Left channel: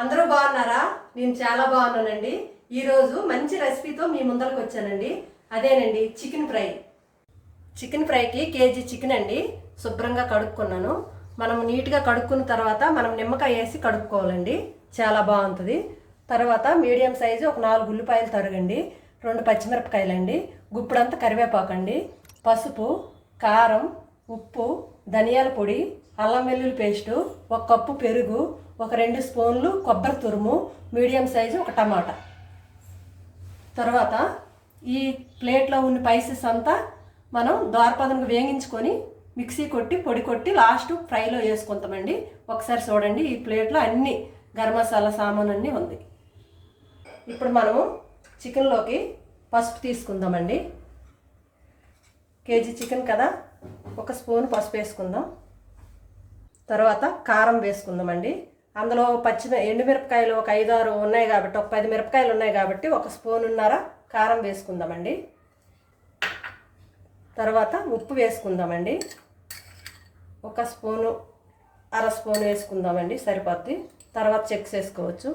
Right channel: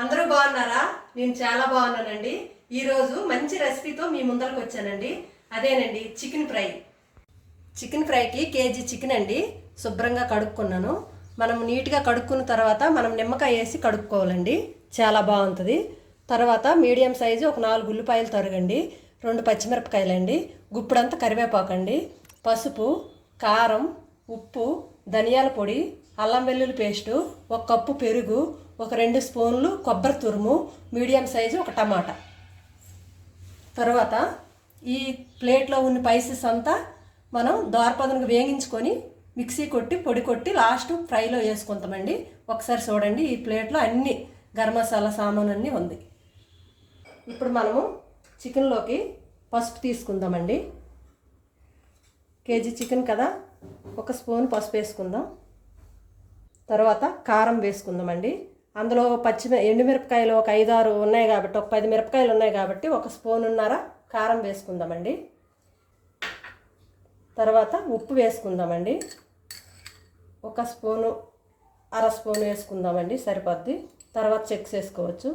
అందరూ బాగున్నారా? నేను చాలా బాగున్నానండి. ఈరోజు మంచి రెసిపీతో మీ ముందరకు వచ్చానండి. అదేనండి చికెన్ ఫ్రై. చికెన్ ఫ్రైకి కేజీ చికెన్ అండి. శుభ్రంగా కడుక్కున్నాను. మనం నీట్గా కడుక్కున్న తర్వాత మనం నిమ్మకాయ వేసి కడుక్కోవాలండి. చాలా బాగుంటుంది. తర్వాత మీడియం సైజు ఒక 4 ఉల్లిపాయలు తరగండి, 2 పచ్చిమిరపకాయలండి, గుప్పుడంతా కరివేపాకండి, పసుపు, కారం, ఉప్పు, ధనియాల పొడి, అల్లం వెల్లుల్లి పేస్టు, 1 కప్పు పెరుగు, ఒక 2 స్పూన్లు కొబ్బరి తురుము, మీడియం సైజు ఒక టమాటా. తర్వాత ఈ ప్లేట్లో ఉన్న స్పైసెస్ అంతా మనం దోరపదనకు వేగించుకొని మిక్సీ కొట్టి పొడి కొట్టి లాస్ట్ ఫ్రైలో వేసుకుంటామండి. ఒకసారి చూడండి, ఈ ప్లేట్లో అన్ని గరం మసాలా సామాన్ అన్నీ ఉంది. ఇప్పుడు మనము చికెన్లోకి పసుపు తీసుకుందామండి. కేజీ చికెన్ కదా, 1 స్పూన్ పసుపు వేసుకుందాం. తర్వాత కారం వేసుకుందామండి. అందులో ఎండుమిరపకాయలు ఒక 5-6 ఉన్నాయి కాబట్టి, ఒక 10 మిరపకాయలు ఉన్నాయి కాబట్టి 1 స్పూనున్నర కారం వేసుకుందామండి. తర్వాత ఉప్పు వేసుకుందామండి. 1 స్పూను, అర స్పూను వేసుకుందామండి, సరిపోద్ది. తర్వాత చెక్స్ వేసుకోవచ్చు.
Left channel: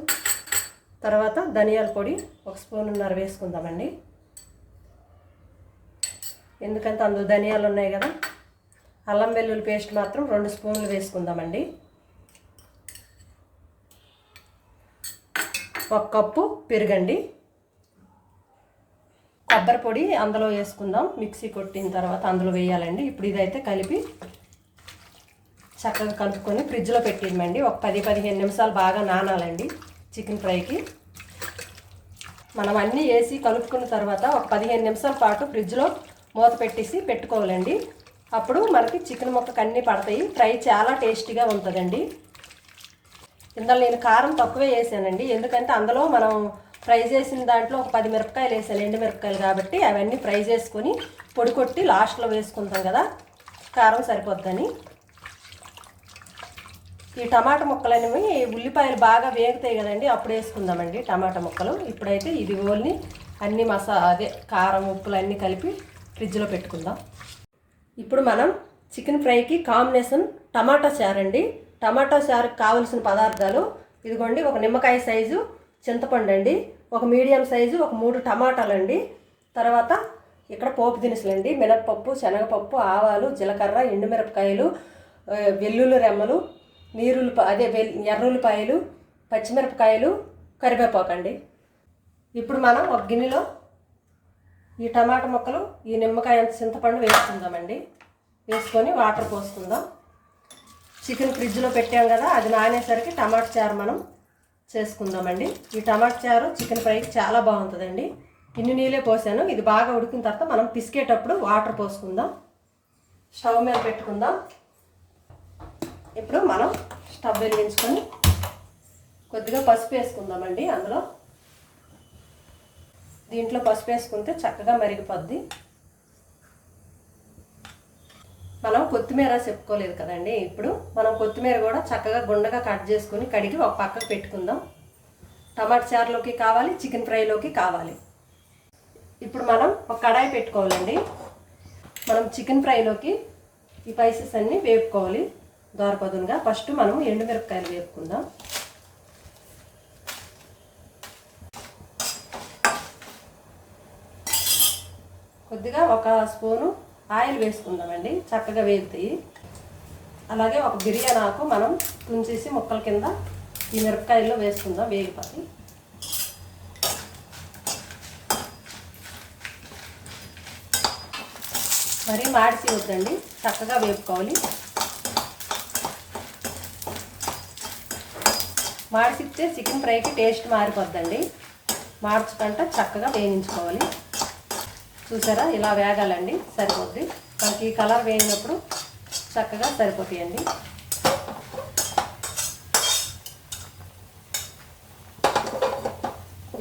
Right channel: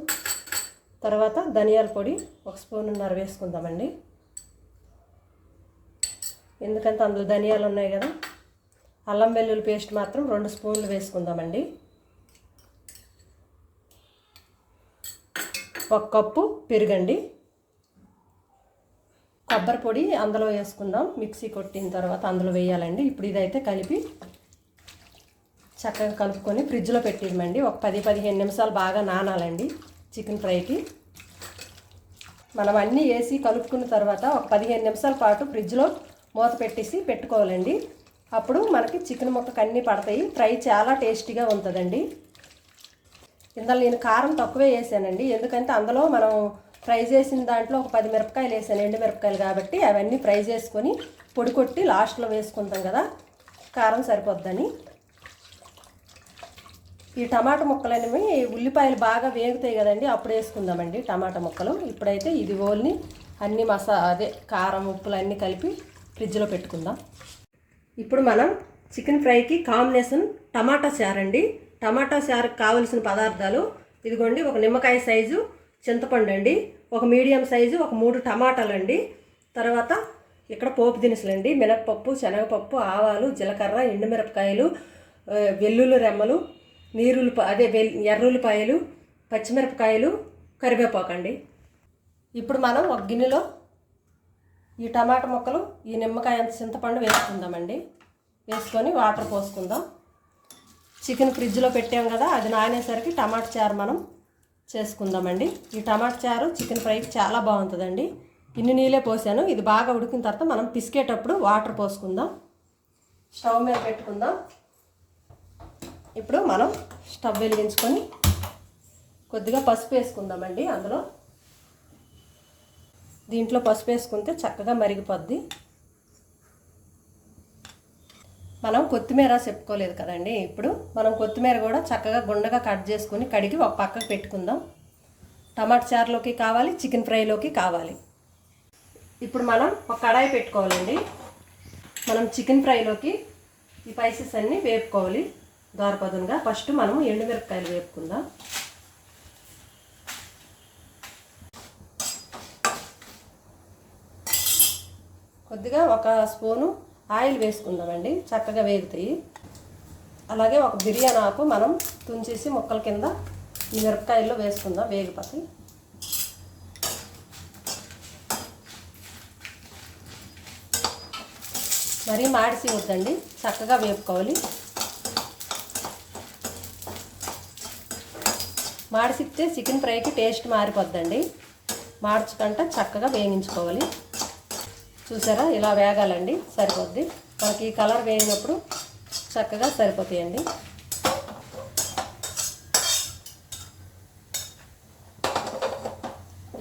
తర్వాత ధనియాల పొడి 1 స్పూనున్నర వేసుకుందామండి, ఎందుకంటే అందులో ధనియాలు ఉన్నాయి కదా. అల్లం వెల్లుల్లి పేస్ట్ మాత్రం 2 స్పూన్లు వేసుకుందామండి. 1 కప్పు పెరుగండి. కొబ్బరి పొడి అందులో వేసుకుందాం. మిక్సీ కొట్టిన తర్వాత అందులో వేయాలండి. ఇప్పుడు ఇదైతే కలిపి చక్కగా కలుపుకొని ఫ్రిడ్జ్లో పెట్టిమండి. ఒక 10-15 నిమిషాలు బాగా నానాలండి చికెన్ ఫ్రైకి. మనం అన్నీ వేసి కలుపుకున్న తర్వాత ఒక 15 నిమిషాల పాటు ఫ్రిడ్జ్లో మూత పెట్టేసి పెట్టుకోవాలండి. అప్పుడు మనకి చికెన్ ముక్కకు అన్నీ పడతాయి. ఫ్రై చాలా టేస్టీగా ఉంటుందండి. ఇందులో నేను కారం తక్కువే వేసానండి, ఎందుకంటే అందులో మనం ఫ్రై చేసిన దాంట్లో ఒక 10 మిరపకాయలు వేసాను, ఎండుమిరపకాయలు కాబట్టి. అవన్నీ ఫ్రై చేసుకొని పొడి కొట్టి లాస్ట్లో వేసుకుంటాం కదా, కారం సరిపోద్దని. ఈ టమాటా ముక్కలు అనేవి ఉల్లిపాయలు బాగా వేగుతాయి కదండి, అప్పుడు వేసుకుందామండి టమాటా ముక్కలు. ఇప్పుడైతే ఇది ఓల్ని అన్ని కారం ఉప్పులు అన్నీ కలిపి ఫ్రిడ్జ్లో పెట్టుకుందాం. ఇప్పుడు మనం చికెన్ ఫ్రైకి కాంబినేషన్ టమాటా చారు అండి. టమాటా చారుకి కావలసిన పదార్థాలు ఇదిగోండి. ఒక నిమ్మకాయ సైజు చింతపండు అండి, ఒక మీడియం సైజు ఒక 3 టమాటాలు అండి. తర్వాత ఇక్కడ పోపు దినుసులండి, మినప్పప్పు, శనగపప్పు, ఆవాలు, జీలకర్ర, ఎండుమిరపకాయలు, వెల్లుల్లి రెమ్మలు, ఎర్రుల్లిపాయలు, పచ్చిమిరపకాయలు, కరివేపాకు అండి. ఇప్పుడు మనం ఒక గిన్నెలో ఈ టమాటా ముక్కలు, ఈ నిమ్మకాయ అంత చింతపండు వేసుకుందామండి. వేసుకొని వాటర్ పోసుకుందాం. చికెన్ ఫ్రిడ్జ్లో పెట్టాం కదా, అది నానేసరికి టమాటా చారు మనం చేసుకుందామండి. ఈ టమాటా చారు చికెన్ ఫ్రైకి చాలా బాగుంటుందండి. ఇన్ని నీళ్ళే పోసాను. ఇది బాగా ఉడికిన తర్వాత మనం పిసికేటప్పుడు వాటర్ పోసుకుందాం. స్టవ్ మీద పెట్టుకుందాం. ఇప్పుడు మనం స్టవ్ వెలిగించుకొని కొద్దిగా పసుపు వేసుకుందామండి. దీంట్లో పసుపు వేసుకుంటే చక్కగా మరిగిపోద్ది. మనం కొత్తిమీర చెప్పుకోలేదు కదండి. ఇప్పుడు మనం కొత్తిమీర కూడా చక్కగా గుండగా కట్ చేసుకొని కడిగి ఒక పక్కకు పెట్టుకుందాం. టమాటా చారులోకి కావాలి, చికెన్ ఫ్రైలోకి కావాలి. ఇప్పుడు మనం ఒక కడాయి పెట్టుకోవాలండి. మనం చికెన్ ఫ్రైలోకి ఈ స్పైసెస్ అన్నీ వేపుకోవాలి దోరపదునుగా. ఫస్ట్ మనం ఎండుమిరపకాయలు వేపుకుందాం. కొద్దిగా 1 స్పూను ఆయిల్ వేసుకుందామండి, చక్కగా వేగుతాయి. అలాగే ఒక బిర్యానీ ఆకు మనం తుంచేసి ముక్కల కింద ఈ మిరపకాయల్లో వేసుకుందాం, వేగిపోతాయి. మరీ మాడిసి వద్దండి, చక్కగా వేపుకోవాలి. మాడిసిస్తే చికెన్ ఫ్రైకి టేస్ట్ మారిపోద్దండి. మార్చుకుంటే చక్కగా వేయించుకోవాలి. చూసారా, ఇలా వేగాలండి, సరిపోద్ది. మనకి కలర్ వేగినప్పుడు చక్కగా సరిపోతాయండి.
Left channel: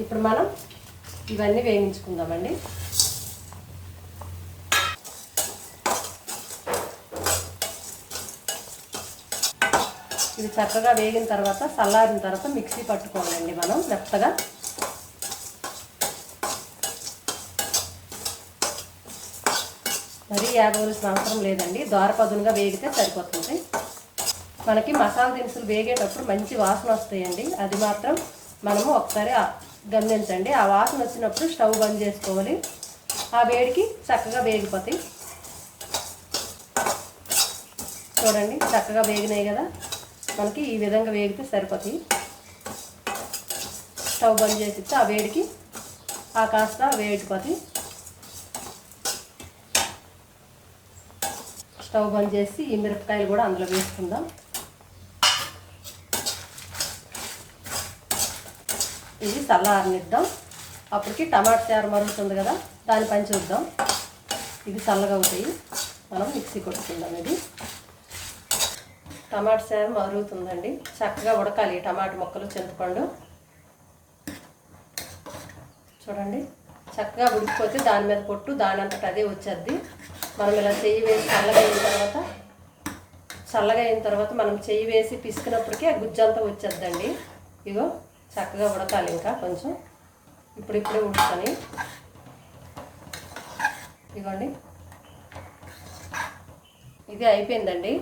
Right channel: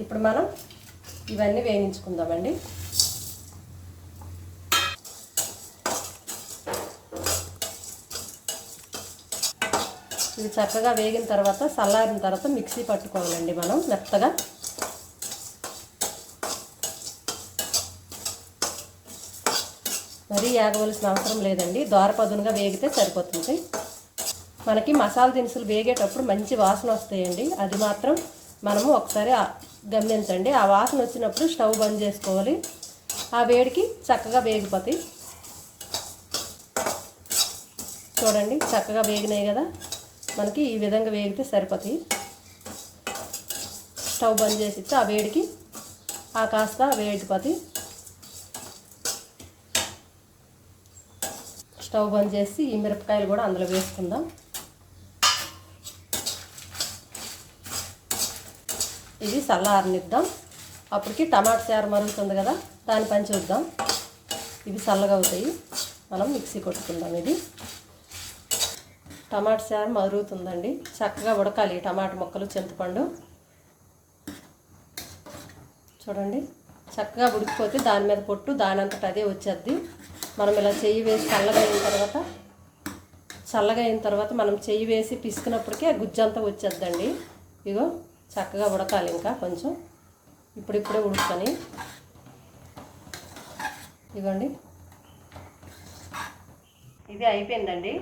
ఇప్పుడు మనం ఇవన్నీ వేయించుకుందామండి. ఇవి చక్కగా వేగిన తర్వాత చల్లారిన తర్వాత మిక్సీ పట్టుకోవాలండి మనం మెత్తగా. మరీ వేగవలసిన అవసరం లేదండి, దోరపదునుగా వేగితే సరిపోతుంది. మనకి మసాలా దినుసులు వేగేటప్పుడు మంచి వాసన వస్తాయండి. అది మాత్రం మనము ఒకసారి గమనించండి. ఆ వాసన వచ్చినప్పుడు స్టవ్ బంద్ చేసుకోవాలి. ఆ వేడికి చక్కగా వేగిపోతాయి. చూడండి చక్కగా వేగినాయి కదా, మనకి ఈ విధంగా వేగితే సరిపోతాయి. స్టవ్ బంద్ చేసి ఆ వేడికి కాస్త వేగిపోతాయి. స్టవ్ బంద్ చేసి ఈ మిరపకాయలు కూడా అందులో వేసుకుందాం. ఇది చల్లారనిద్దాం. అప్పటికి టమాటా చారు మరుగుతుంది కదా, దాని పని చూద్దాం. ఇది చల్లగా అవుతాయి, మనం మిక్సీ కొట్టుకుందాం. ఇది టమాటా చారు మరుగుతుందండి. చక్కగా ఉడకాలి టమాటా ముక్కలు, చింతపండు. చూడండి చక్కగా ఉడికిపోతే దాని మీద పొట్టు దానంతట అదే వచ్చేద్ది. మనం ఇలా చెయ్యి వేసి చల్లగా అయిన తర్వాత మనం చెయ్యి వేసి పిసికినప్పటికే గుజ్జంతా వచ్చేద్దండి. ఇగో చక్కగా ఉడకాలి ఇంకా కొంచెం. ఇప్పుడిప్పుడే ఉడుకుతాయి. ఇదిగోండి ఇది అయిపోయిందండి.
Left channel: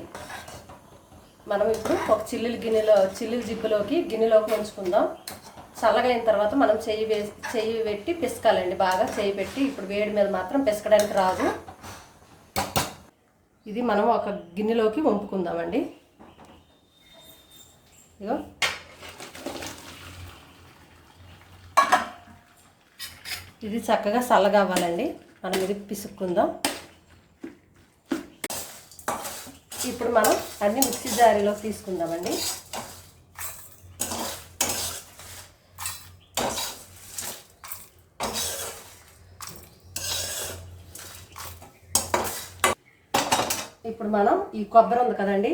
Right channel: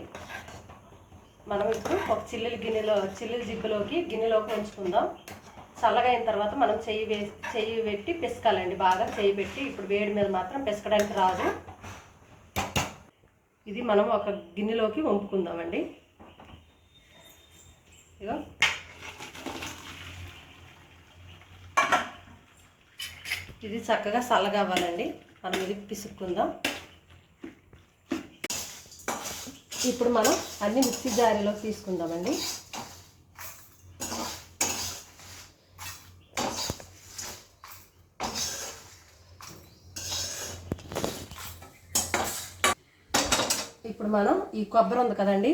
మనం ఇప్పుడు ఒక చిల్లుల జిప్పులోకి గిన్నెలోకి ఉంచుకుందాం. చల్లగా అయిన తర్వాత మనం చెయ్యి పెట్టి పిసకాలండి. బాగా చెయ్యి పెట్టి, ఇప్పుడు వేడి మీద మాత్రం పిసకడానికి రాదు. ఇది మనం ఒక గిన్నెలోకి వంపుకుందామండి. ఇగో ఇది చక్కగా చల్లగా అవ్వాలండి. మనం ఇది పిసుక్కుందాం. ఇప్పుడు మనం అన్ని మిక్సీ జారీలోకి తీసుకుందామండి. ఇప్పుడు మనం ఈ కొబ్బరి ఉంది కదండి,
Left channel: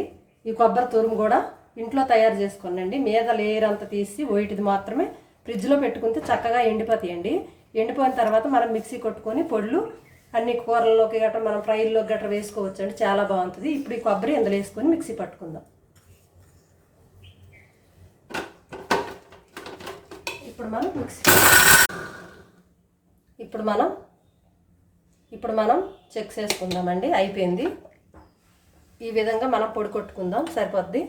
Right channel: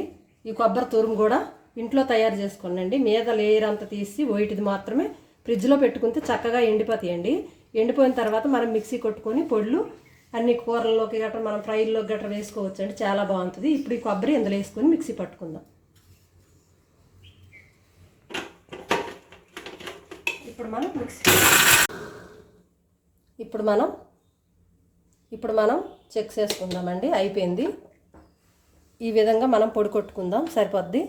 ఈ కొబ్బరి తురుము కూడా ఇంట్లో తయారు చేసుకోండి. మీద లేయర్ అంతా తీసి వైట్ది మాత్రమే ఫ్రిడ్జ్లో పెట్టుకుంటే చక్కగా ఎండిపోతాయండి. ఎండిపోయిన తర్వాత మనం మిక్సీ కొట్టుకొని పొడులు అన్ని కూరల్లోకి గట్రా మనం ఫ్రైల్లోకి గట్రా వేసుకోవచ్చు అండి. చాలా బాగుంటుంది. ఇప్పుడు ఈ కొబ్బరి ఇందులో వేసుకొని మిక్సీ పట్టుకుందాం. ఇప్పుడు మనం చెక్ చేసుకుందామండి. అయిపోయింది. ఈ విధంగా మనం పొడి కొట్టుకుందాం, సరిపోద్ది.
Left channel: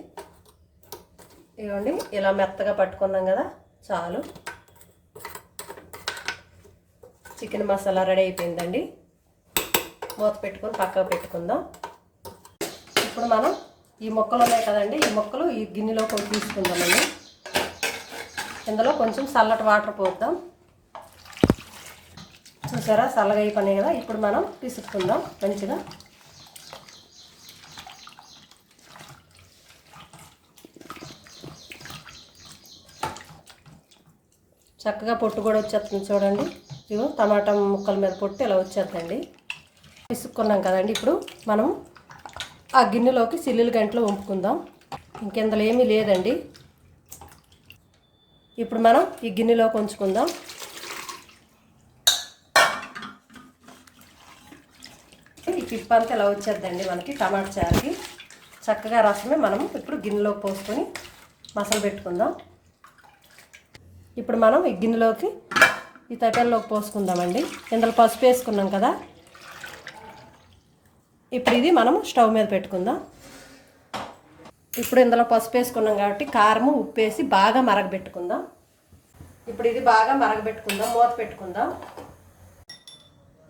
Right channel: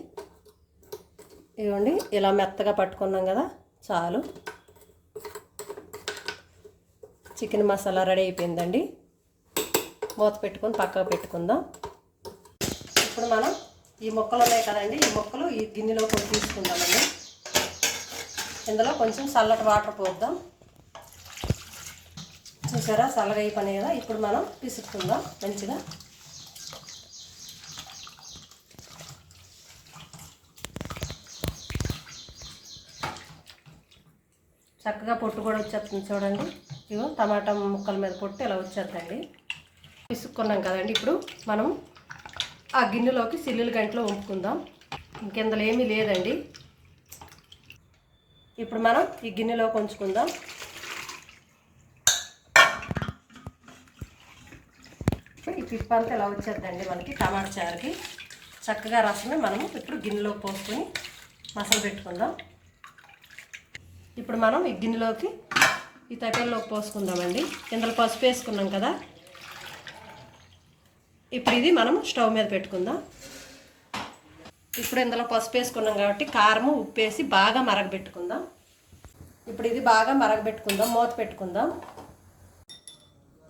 ఇదిగోండి ఇలా మెత్తగా పట్టుకున్నాం కదా, చాలు. చికెన్ మసాలా రెడీ అయిపోయిందండి. మూత పెట్టుకొని పక్కకు పెట్టుకుందాం. ఇప్పుడు మనం ఈ ముక్కలు ఉన్నాయి కదండి, ఈ ముక్కలు ఈ గిన్నెలో కొన్ని తీసుకుందామండి. ఇందులో కొంచెం చల్లటి వాటర్ పోద్దాం. చూసారా చల్లగా అయిపోయినాయి కదా. ఇప్పుడు మనం పిసుక్కుందాం మంచిగా. చక్కగా పొట్టు కూడా వచ్చేస్తుంది చూడండి. ఇగో టమాటా ముక్కల మీద పొట్టు ఇలా వచ్చేద్దండి. పిసుక్కున్నాం కదండి. ఇప్పుడు మనం ఆ గిన్నెలోకి సిల్లులు గంటలో వంపుకుందాం. ఇంకెందులో ఏమీ లేదండి. ఇప్పుడు మనం ఈ గిన్నెలోకి ఉంచుకుందాం. ఈ పిప్ప అంతా ఇలా వచ్చేద్దండి మనకి టమాటా చారుకి. చక్కగా రసమే మనం ఇప్పుడు గిన్నెలోకి పోసుకొని మసాలా పెట్టుకుందాం. ఇప్పుడు మనం ఈ గిన్నెలోకి ఈ తట్టెల్లోకి పోసుకుందామండి. ఇందులో పసుపు వేసుకున్నాం కదా. ఇప్పుడు ఇది మనం స్టవ్ మీద పెట్టుకుందాం. ఇప్పుడు ఇందులో పసుపు వేసుకున్నాం కాబట్టి కారము ఉప్పు వేసి బాగా మరగబెట్టుకుందాం. ఇప్పుడు ఇది బాగా మరగబెట్టుకుందాం, మూత పెట్టుకుందాం.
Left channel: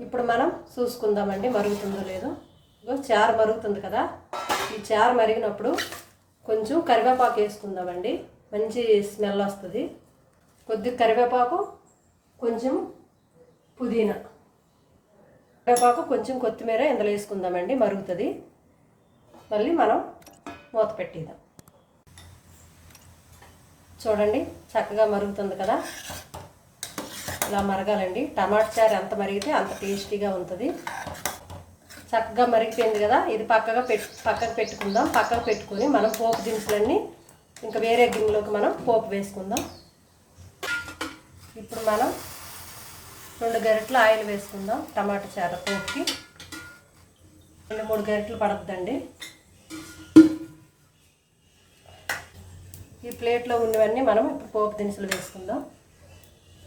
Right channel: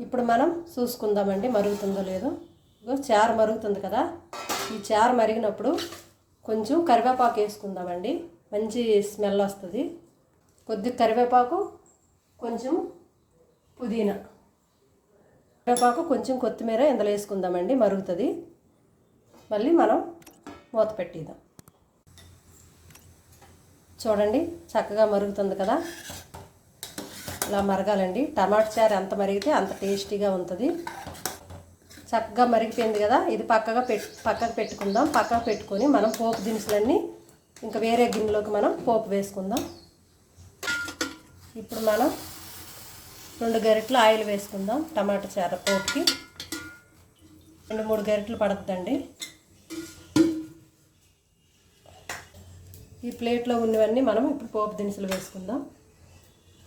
ఇప్పుడు మనం చూసుకుందామండి మరుగుతుందో లేదో. చారు మరుగుతుంది కదా, ఈ చారు మరిగినప్పుడు కొంచెం కరివేపాకు వేసుకుందామండి. మంచి స్మెల్ వస్తుంది. కొద్దిగా కరివేపాకు, కొంచెం పుదీనా, కరివేపాకు, కొంచెం కొత్తిమీర ఇందులో వేసుకుందామండి. మరుగుతుంది. మళ్ళీ మనం మూత పెట్టిద్దాం. చూడండి చక్కగా మరుగుతుంది కదా. ఇలా మరగాలండి. టమాటా చారు ఎంత మరిగితే అంత టేస్టీగా ఉంటుంది. చక్కగా మరిగిపోయింది కదా. ఇది పక్కకు పెట్టుకుందాం. పక్కకు పెట్టుకొని మనం పోపు దినుసులన్నీ ఇంకా వేరే గిన్నెలోకి మనం పోపు వేసుకుందాం. ఇప్పుడు మనం 2 గరిటెలు ఆయిల్ వేసుకుందాం. టమాటా చారు పోపుకి 2-3 గరిటెలు పడుతుందండి. ఈ ప్లేట్లో ఉన్నవన్నీ మనం ఇప్పుడు పోపు దినుసులు వేసుకుందాం.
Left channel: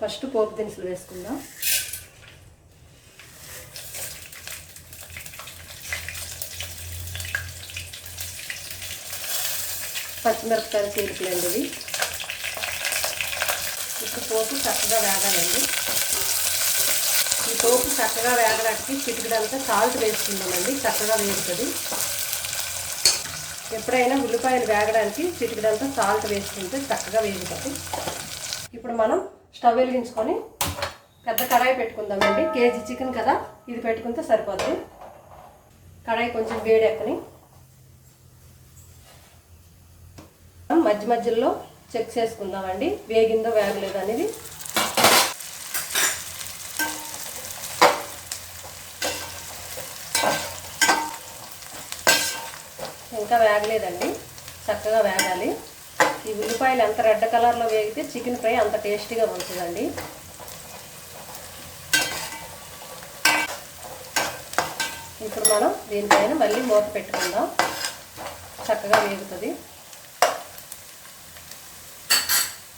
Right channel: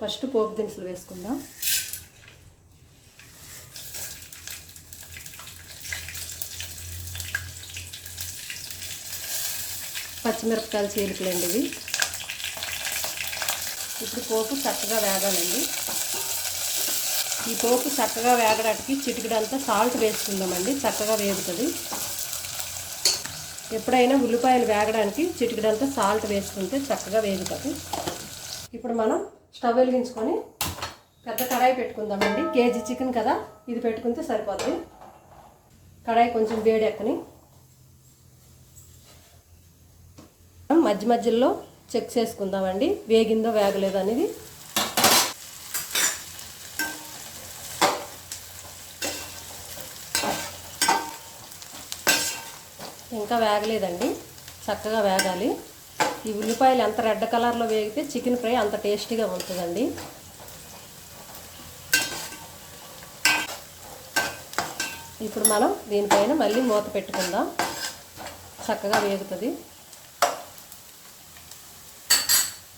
ఫస్ట్ పోపు దినుసులు వేసుకుందాం. పచ్చిమిరపకాయల చీలికలండి ఇవి. ఇప్పుడు పోపు చక్కగా వేగాలండి. ఈ పోపు చక్కగా వేగడానికి చిటికెడంతా సాల్ట్ వేసుకుందామండి, చక్కగా వేగుతుంది. ఎప్పుడైనా ఉల్లిపాయలు వేగడానికి చిటికెడంతా సాల్ట్ వేసుకుంటే చక్కగా వేగుతుంది. ఇప్పుడు మనం స్టవ్ వెలిగించుకొని పెద్ద కడాయి పెట్టుకుందామండి. కేజీ చికెన్ కదా, ఇది పెట్టుకుంటే సరిపోతుంది. కడాయి కొంచెం వేడెక్కని మధ్య మధ్యలో చెక్ చేసుకుందామండి, వేగిందో వేగలేదు అనేది. ఇంకా వేగలేదండి, చక్కగా వేగాలి. ఈ ఉల్లిపాయలు ఎంత రెడ్ కలర్లో వేగితే చికెన్ ఫ్రై అంత టేస్టీగా ఉంటుందండి. ఇప్పుడు మనం దీనిపైన మళ్ళీ మూత పెట్టుకుందాం, చక్కగా వేగుతుంది.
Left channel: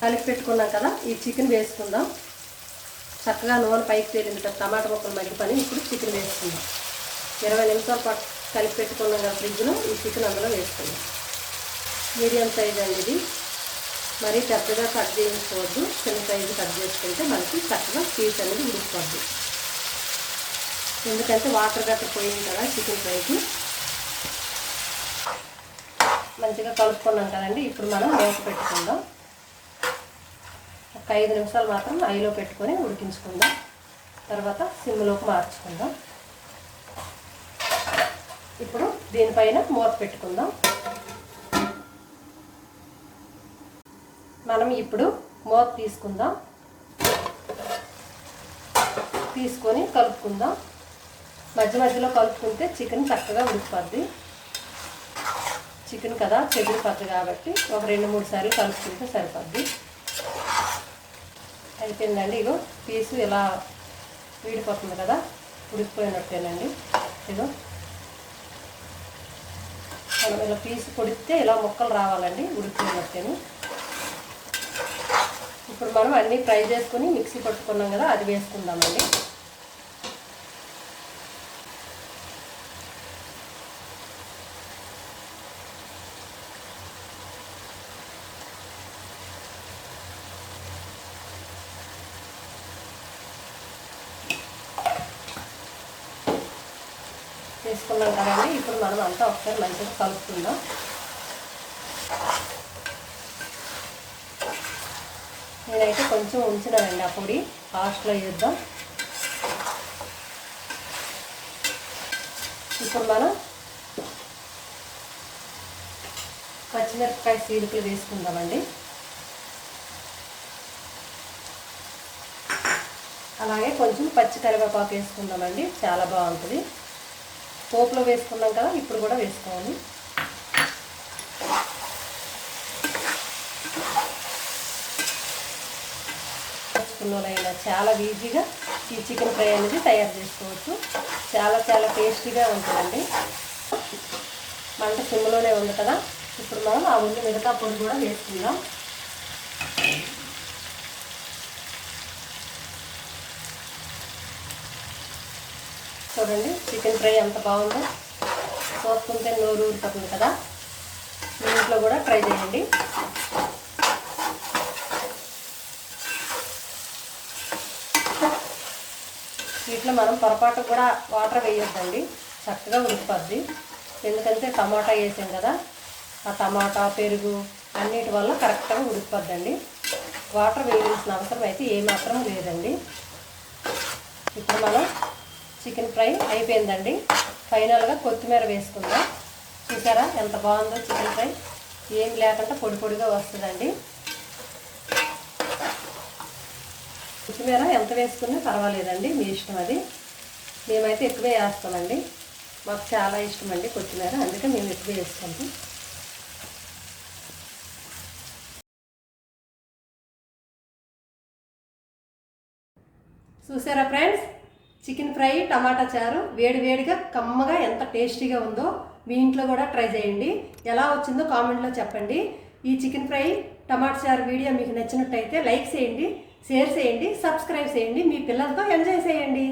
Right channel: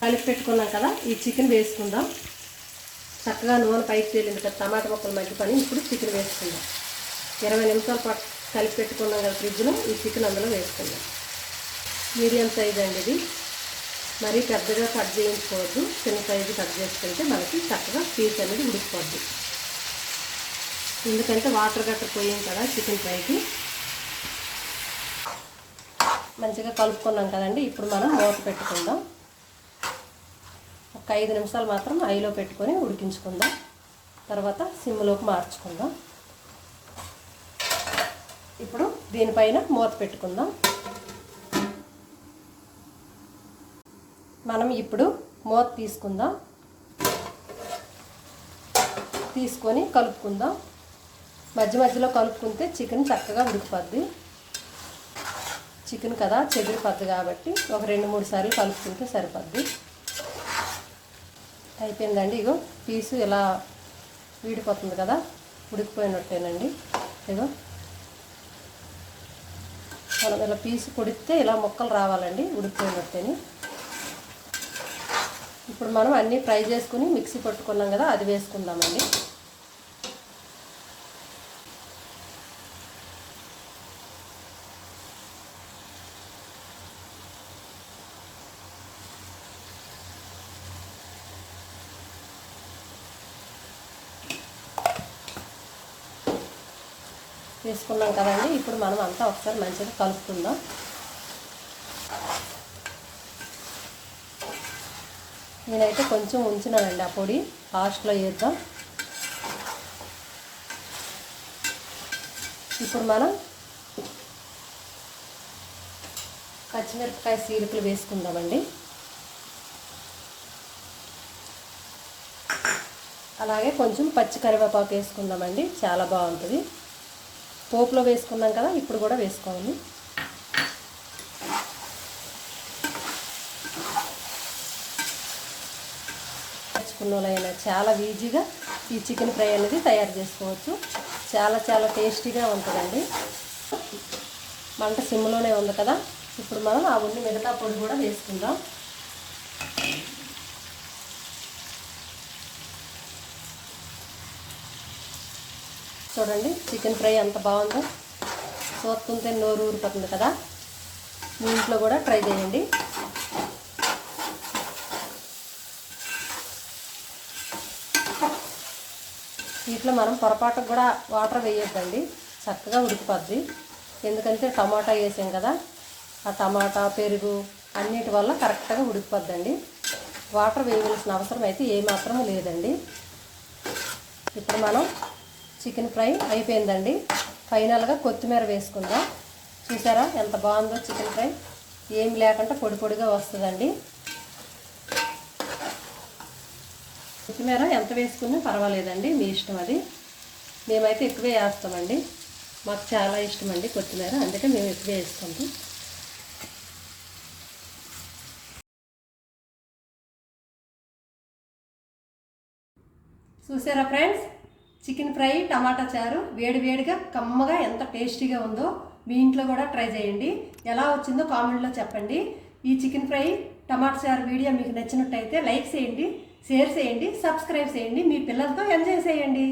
కలిపి పెట్టుకున్నాం కదా, ఈ చికెన్ వేసుకుందాం. చక్కగా నూనె పైకి తేలింది కదా, టమాటా ముక్కలు మగ్గిపోయి. ఇప్పుడు చికెన్ వేసుకుందాం. 20 నిమిషాల పాటు కలిపి పెట్టుకున్నాం కదా ఫ్రిడ్జ్లో, ఈ చికెన్ అందులో వేసుకుందాం. మీడియం సైజ్ అండి ఇది, మరీ పెద్దగా కట్ చేయించుకోవద్దు, చిన్న సైజు కట్ చేసుకుంటే మనకి చక్కగా పీస్ అనేది ఉడికిపోద్ది. ఎందుకంటే వాటర్ గట్ట పోయాం కదా చికెన్ ఫ్రైకి. మంచిగా కలుపుకున్నాం కదండి. ఇప్పుడు మనం మూత పెట్టుకుందాం. ఒక 5 నిమిషాలు మాత్రం హైలో పెట్టుకొని ఉడికించుకుందాం, తర్వాత సిమ్లోకి మార్చుకుందాం. ఇప్పుడు దీనిపైన మూత పెట్టుకుందాం. మనం ఇప్పుడు మూత తీసుకుందాం, తీసుకొని కలుపుకుందాం. మధ్య మధ్యలో కలుపుకుంటే చికెన్ చక్కగా ఉడికిపోద్ది. చికెన్ కదా చెదిరిపోద్ది కాబట్టి ఒక 2-3 సార్లు కలుపుకుంటే సరిపోద్ది. అయిపోయిందండి. ఇగో పీసు ఇలా వీడిపోతుంది కదా, ఉడికిపోయినట్టేనండి. ఇగో మనం ఇలా పీసు కొడితే ఇలా ముక్కలు రావాలండి, ఉడికిపోయినట్టేను. ఇప్పుడు మనం అన్నీ ఫ్రై చేసుకుని మిక్సీ పట్టుకున్నాం కదా, అది వేసుకుందామండి. వేసుకున్నాం కదండి. ఇప్పుడు మనం అంతా ఒకసారి మంచిగా కలుపుకుందాం. నేనైతే కొంచెం ఉంచినానండి ఆ పొడి, లాస్ట్లో వేద్దాం. ఇప్పుడు మనం పచ్చిమిరపకాయ చీలికలు వేసుకుందామండి. అలాగే కొంచెం పచ్చి కరివేపాకు వేసుకుందామండి, చాలా బాగుంటుంది. పోపులో వేసుకున్నాం కదా, ఇప్పుడు కూడా వేసుకోవాలి. పచ్చిపుల్లలైనా చాలా ఈజీగా ఈ చికెన్ ఫ్రై అనేది తయారు చేసుకోవచ్చు. చాలా చాలా టేస్టీగా ఉంటుందండి. మంట సిమ్లోనే ఉంది కదా, ఇప్పుడు మనం ఆ ముందు మిగతా పొడి కూడా వేసుకుందాం. చూడండి చికెన్ ఫ్రై ఎంత బాగుందో, చూస్తుంటే నోరు ఊరిపోతుంది కదా. మీ ఇంట్లో కూడా ట్రై చేయండి. వీటిలో మనం పొరపాటు కూడా వాటర్ వేయొద్దండి, చక్కగా ఉడికిపోద్ది. ఎందుకంటే టమాటా వేసాం కదా, ఆ టమాటా పెరుగు అన్నిటి వల్ల కరెక్ట్గా ఉడికిపోద్దండి. వాటర్ వేయాల్సిన అవసరం అయితే ఏమాత్రం లేదండి. ఇప్పుడు మనం చికెన్ ఫ్రై అయిపోయిందండి. ఫైనల్గా కొత్తిమీర వేసుకుందాం. చూసారా ఎంత బాగుందో చికెన్ ఫ్రై, ఏం లేకుండా పొడి పొడిగా వస్తుందండి. కొత్తిమీర ఎంత వేసుకున్నా పర్వాలేదండి, మీ ఇష్టం అది. మేమైతే ఎక్కువే వేస్తామండి, మాకు చాలా ఇష్టం అండి కొత్తిమీర, అందుకే మేము ఎక్కువే వేసుకుంటాం. చూసారా ఫ్రెండ్స్, చికెన్ ఫ్రై టమాటా చారు వేడి వేడిగా కమ్మగా ఎంత టేస్టీగా ఉందో. మీ ఇంట్లో కూడా ట్రై చేయండి. ఎలా వచ్చిందో కామెంట్లో చెప్పండి. ఈ చికెన్ ఫ్రై టమాటా చారు వీడియో మీకు నచ్చినట్టయితే లైక్ చేయండి, షేర్ చేయండి, సబ్స్క్రైబ్ చేయండి. మీ పిల్లలతో ఎంజాయ్ చేయండి.